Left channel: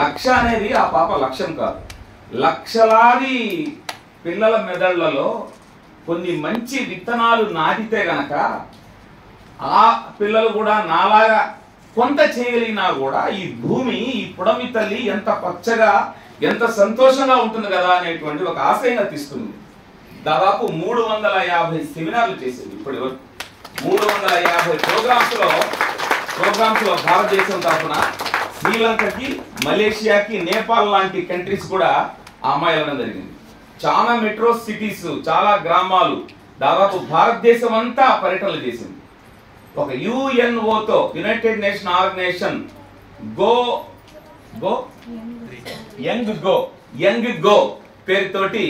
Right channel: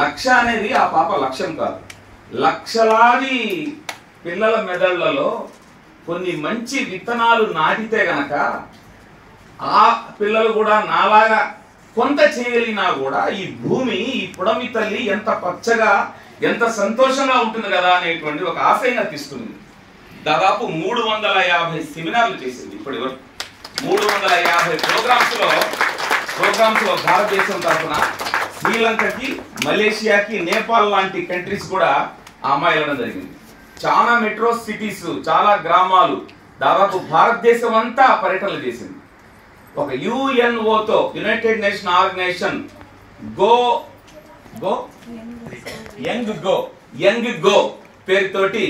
లక్ష అనేది ఆ పాప లక్ష్యం కాదు. లక్షలాది పిల్లల మెదళ్లలో కొన్ని మంచి విత్తనాలు నాటితే గనక ఆ పిల్లలు కూడా నాలాగా కొంత చేయలినా కూడా ఈ భూమి, ఈ పుడమి తల్లి ఎంత పచ్చగా, ఎంత సంతోషంగా ఉంటుంది కదా అనేటువంటి ఒక ఆశయంగా తీసుకుంది. దాదాపు 350 సెమినార్లు చేసింది ఇప్పటి వరకు. 350 ప్రోగ్రామ్స్ లో భారతదేశం తరఫున శ్రీలంకకి, మలేషియాకి, నేపాల్ లాంటి కంట్రీస్ కూడా ఆ అమ్మాయి వెళ్ళడం జరిగింది. చాలా మెట్రో సిటీస్, చాలా గ్రామాలు, దాదాపు భారతదేశం అంతా పర్యటనలు చేసింది. ఒక యుఎన్ఓతో, United Nation Organisation young go పేరుతోటి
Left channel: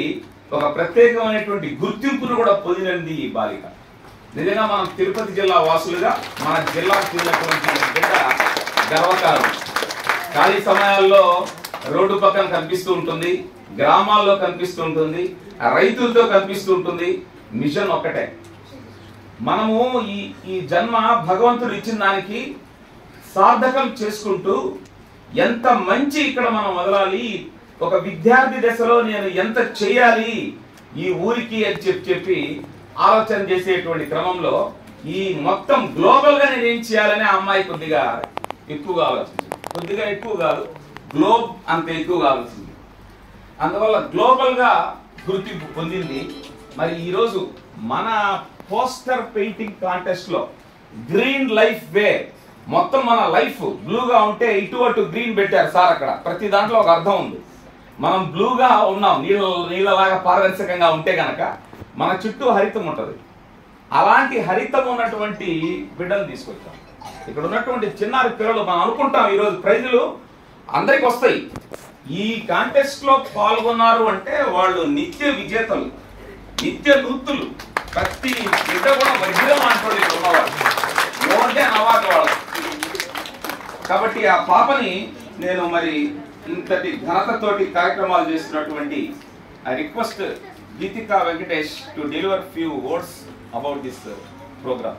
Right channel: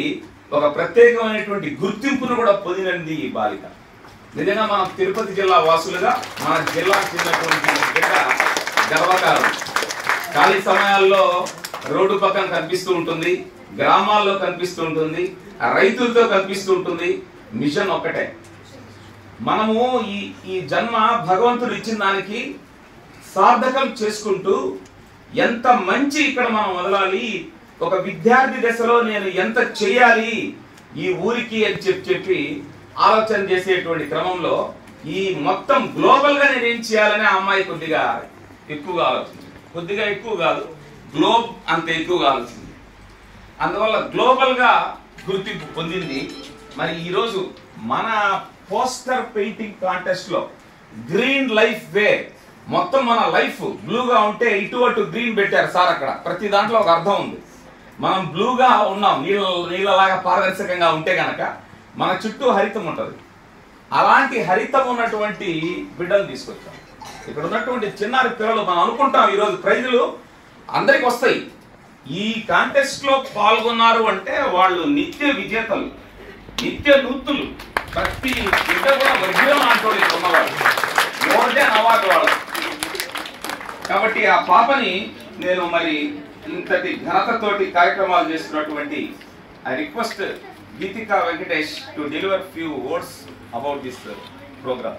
ఒక ప్రత్యేకమైనటువంటి గుర్తింపును కూడా పొందినది ఈ బాలిక. నిజంగా మనం తిరుపతి జిల్లా వాసులుగా మన జిల్లాకు చెందినటువంటి బిడ్డ గర్వకారం. ఖాళీ సమయాల్లో రోడ్డు పక్కన కనిపిస్తూ ఉంటుంది, గ్రామాల్లో కనిపిస్తూ ఉంటుంది, రైతులతో కనిపిస్తూ ఉంటుంది. మిషన్ ఒక్కటే, మనము ఈ జన్మ భగవంతుడు ఇచ్చిన దానికి సార్థకం చేసుకుంటూ ఎంత మంచి ఇక్కడ మనం వదలాలి, ఒక విద్యార్థి దశలో నేను ఎంత చేయాలి ఈ ఊరికి అని చెప్పి ఆలోచన చేసేటువంటి క్రమంలో ఈ మొత్తం గ్లోబల్ గా నేనేం చేయాలని ఆ అమ్మాయి కొద్దిగా ఎక్కువగా ఆలోచించింది. కొద్దిగా ఎక్కువ కాదు, గ్లోబ్ అంత ఎక్కువగా ఆలోచించింది. అందువల్ల గ్లోబల్ గా గుర్తింపు పొందింది. మరి ఈరోజు మన పోస్టర్ పెయింటింగ్ కాంటెస్ట్ లో గ్రీన్ లైఫ్ వే, మొత్తం మన లైఫ్ బ్లూగా ఉంటే ఇటు అటు గ్రీన్ పెట్టారు సార్. అక్కడ ప్రతి దాంట్లో ఒక అర్థం ఉంది. మనం బ్లూగా ఉన్నాం, నీళ్ళలాగా పారదర్శకంగా ఉంటే గనక మన చుట్టూ హరితం ఉంటుంది. అలాంటి హరితం ఉన్నటువంటి బిడ్డలు తీసుకొచ్చాం. ఇక్కడ ఉన్నటువంటి చిన్నారి పిల్లలు మనం అనుకుంటాం ఈరోజు ప్రైజులు అందరికి వస్తాయి. ఈ కాంటెస్ట్ లో పాల్గొన్నారు అంటే వాళ్ళు నిత్య విజేతలు, నిత్య నూతులు. ప్రతి బిడ్డ కూడా వజ్రం అంటోళ్ళు ఇక్కడ ఉన్నవాళ్ళు, మోర్ దెన్ అవార్డు వాళ్ళు. కాబట్టి ఆ పాపని నేను మరి ఇంతటి ఘనతతోటి కార్యక్రమాలు చేస్తున్నటువంటి I request Geetika Venkatesh to deliver few words about this program.